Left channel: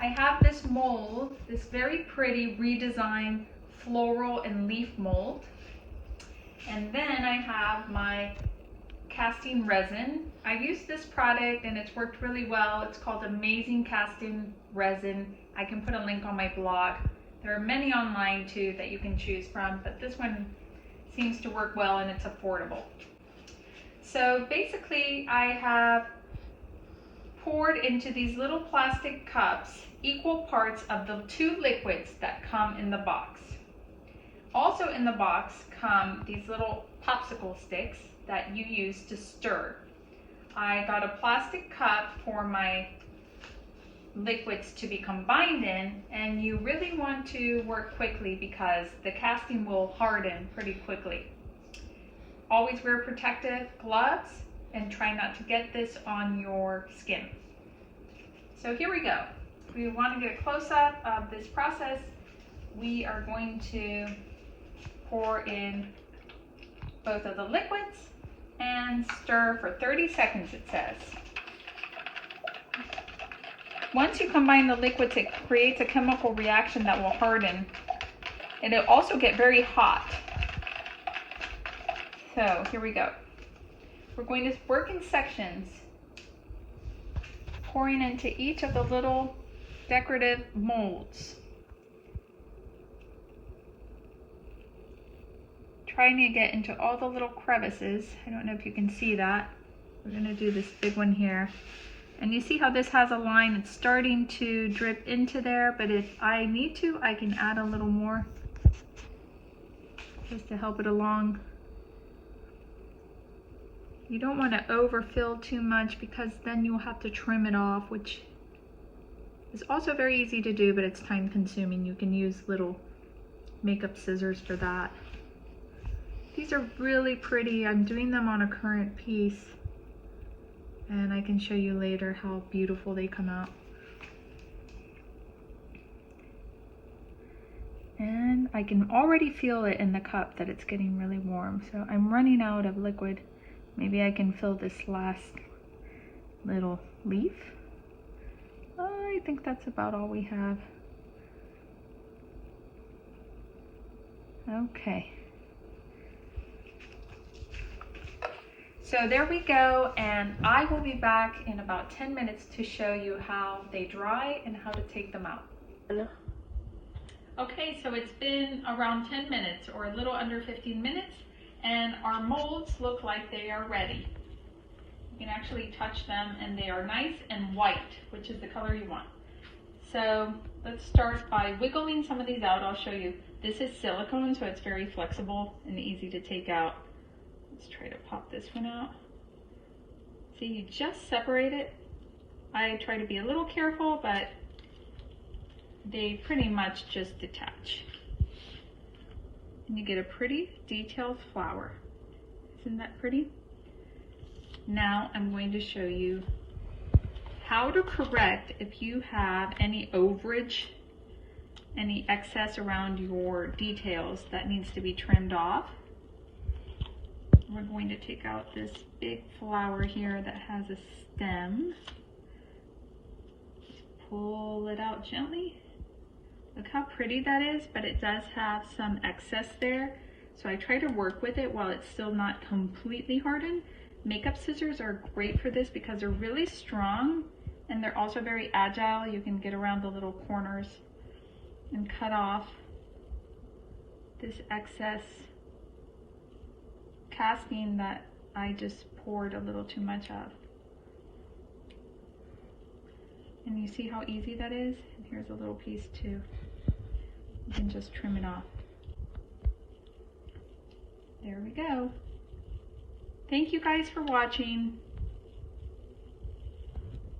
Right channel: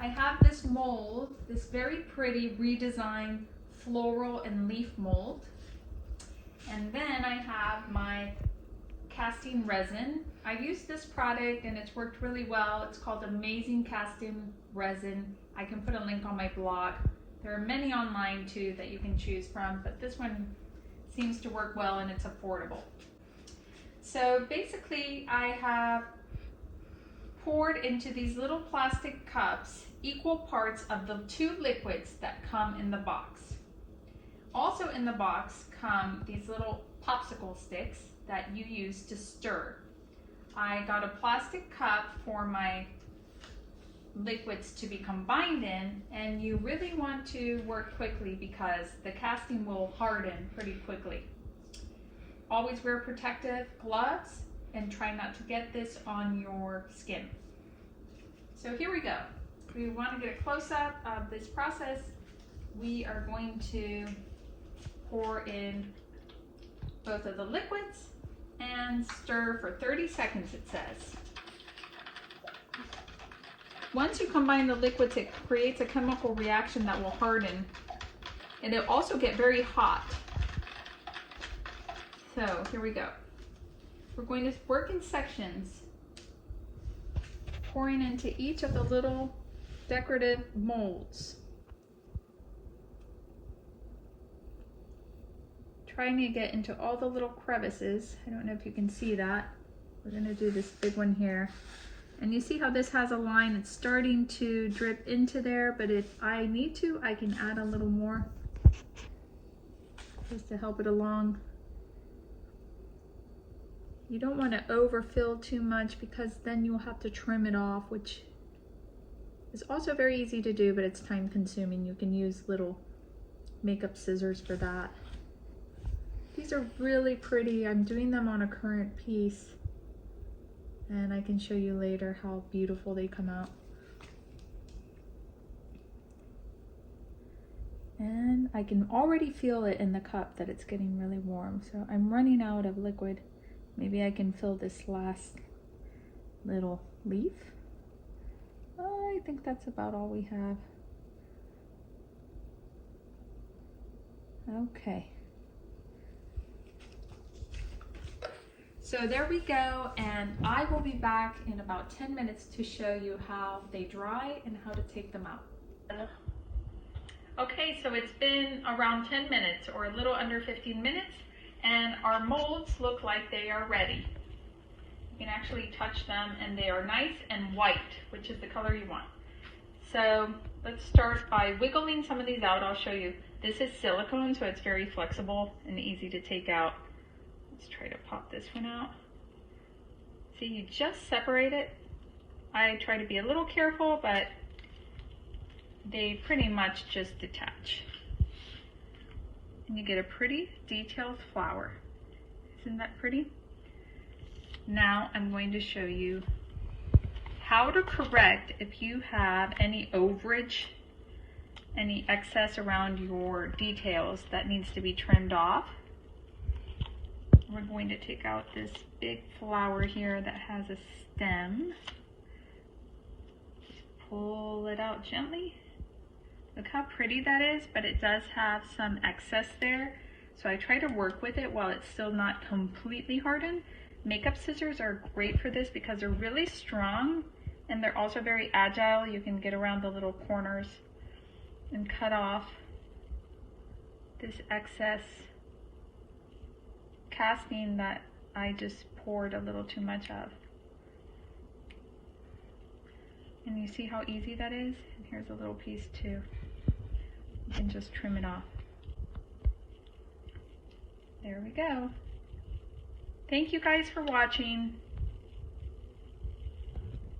I have this mold, this very pretty redesigned floral and leaf mold. And then I have my casting resin. I've used this product and it's worked really well. It's called Amazing Casting Resin. I can put a link on my blog. There are many online too that you can choose from, but this one seems to work well and it's affordable. So basically I have poured into these little plastic cups equal parts of the 2 liquids that come in the box. Also in the box come these little popsicle sticks that you use to stir. I got a plastic cup for my liquids to be combined in, and you really want to work quickly because the casting will harden pretty quickly. Always wear protective gloves and try not to get this on your skin. So here we go. We want to get a close-up of this process. We are going to pour in both of the liquids and stir for 30 seconds, it says. Once you combine the liquids, it creates a chemical reaction that will harden. And it'll also get very hot. So here we go. We're going to work in sections, pouring into each of the little decorative molds. Trying to get into all the little crevices. I don't know if you can see that. We're going to do this big one here. And you see how this has a line? It's starting to drip into there, but if I need to, I can add a little more just to help it along. You don't want to overfill too much because then you'll have to trim it off, which is also very easy to do, but it's time consuming. You can use little makeup scissors for that. These are really pretty. I'm doing them on a current piece, and I can show you later how beautiful they come out. And I can already feel it in the cup that it's getting really warm. So I'm running out of liquid. Maybe I can fill this last little leaf. I think that's about all we have. Okay. So there we go, and I will be back in about 10 minutes to show you how they dry and how to take them out. Okay, so it's been around 10 minutes or a little under 15 minutes, and our molds look like they are ready. You can actually touch them and they are nice and white, which is the color you want. So let's start by wiggling some of these out. I'll show you. This is silicone, so it's very flexible and easy to take out. Let's try to pop this one out. See, you just separate it. I try to be a little careful, but they pretty much just detach. And you get a pretty detailed flower. Isn't that pretty? Now I'm going to show you how to correct if you have any overage, any excess around your details that needs to be trimmed off. We're going to take out this big flower here that has a stem. Just pull it out gently. Look how pretty that is, but it does have some excess there. So I try to work with it while it's still not completely hardened. Makeup scissors are great for this because they're really strong and they're also very agile. You can get around the little corners and cut off this excess casting that I just poured a little too much of. And you see how easy that is? And here's a little piece too. You can just trim it off. There we go. Thank you guys for watching.